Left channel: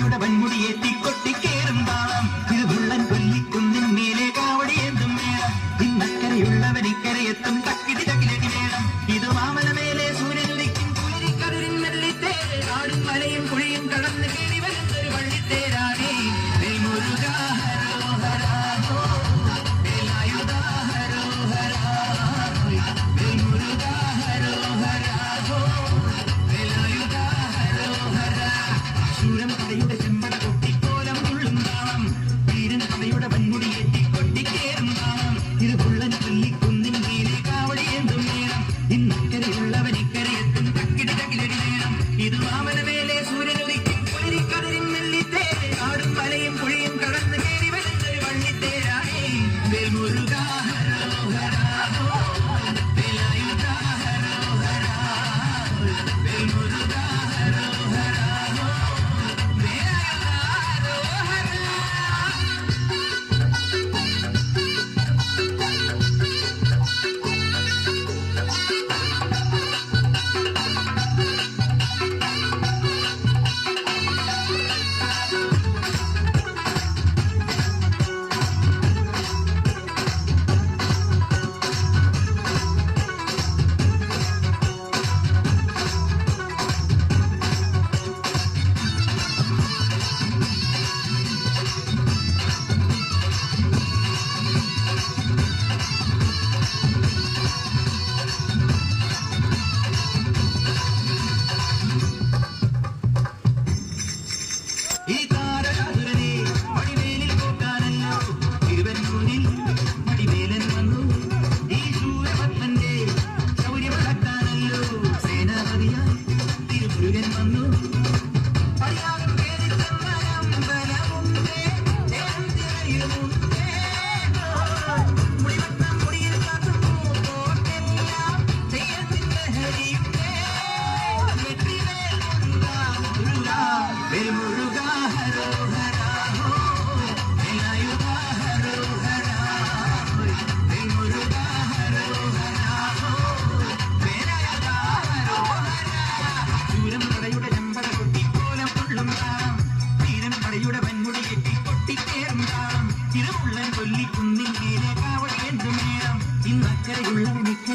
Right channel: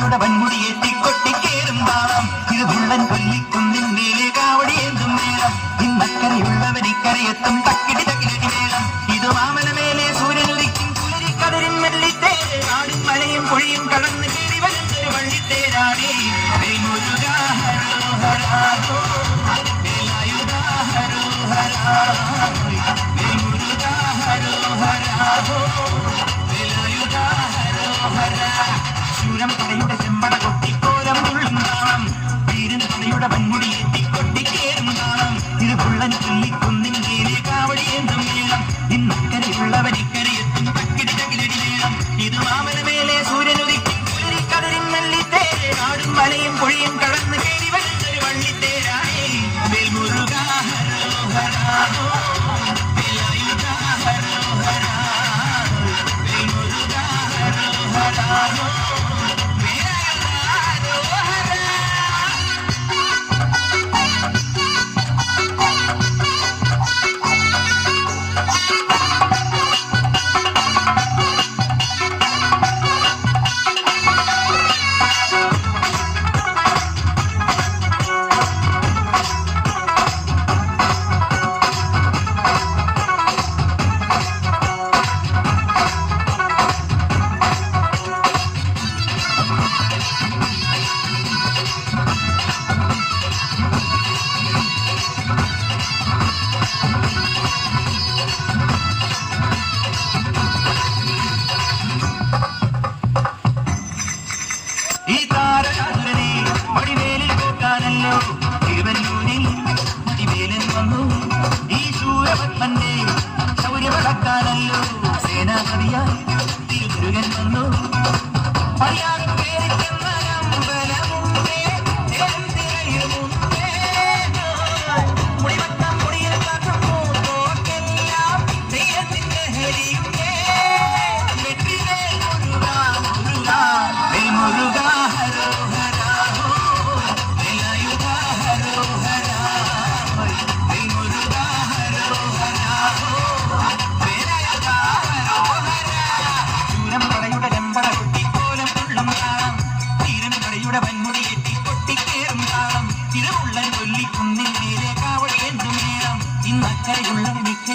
മഴയുടെ വൻമുടിയെ തിക്കൊട്ടിക്കേറും താളം ഇത് മുള്ളൻ പുല്ലിക്കുന്നിൻ നീലെ കാവടി എന്തും നേരം ഇന്നക്കരയുള്ളവരിക്കരയെത്തും തക്കിടി തകിലടി നേരം ഇത് മാമനമേലെ സൂര്യനുദിക്കും കതിരും വെള്ളിത്തേര് നാടും മലയും കുഴിയും കടന്ന് കയറി വരുന്നൊരു വള്ളിത്തേരാണേ ഹരോ ഹരാ ഹരോ ഹരാ പുള്ളൻ ചൊല്ലിക്കുന്നിൻ കീഴെ കാവടിയേന്തും മേളം ഇന്നക്കരയുള്ളവൻ ഇക്കരയെത്തും തക്കിടി തകിലടി മേളം ഇത് മാമനമേലെ സൂര്യനുദിക്കും പുലരിക്കടലിൻ മെല്ലിത്തേര് കാടും മലയും പുഴയും കടന്ന് കയറി തിരുവനൂരിൽ തിരുവേലം വന്നു ഈ ശൂരപത്മന്റെ ശൗര്യവളക്കാണല്ലോ സേനാപതിയായി തിരുമുരുകൻ വന്നു അറിയാതെ പേരിട്ടെന്ന അമ്പലമുണ്ടേ മുരുക മണിയുടെ വൻമുടി കെട്ടി പൊട്ടിക്കേറും താളം. തിരുവുള്ളൻ കൊല്ലിക്കുന്നിൻ മേലെ കാവടേന്തും നേരം ഇന്നക്കരയുള്ള മിക്ക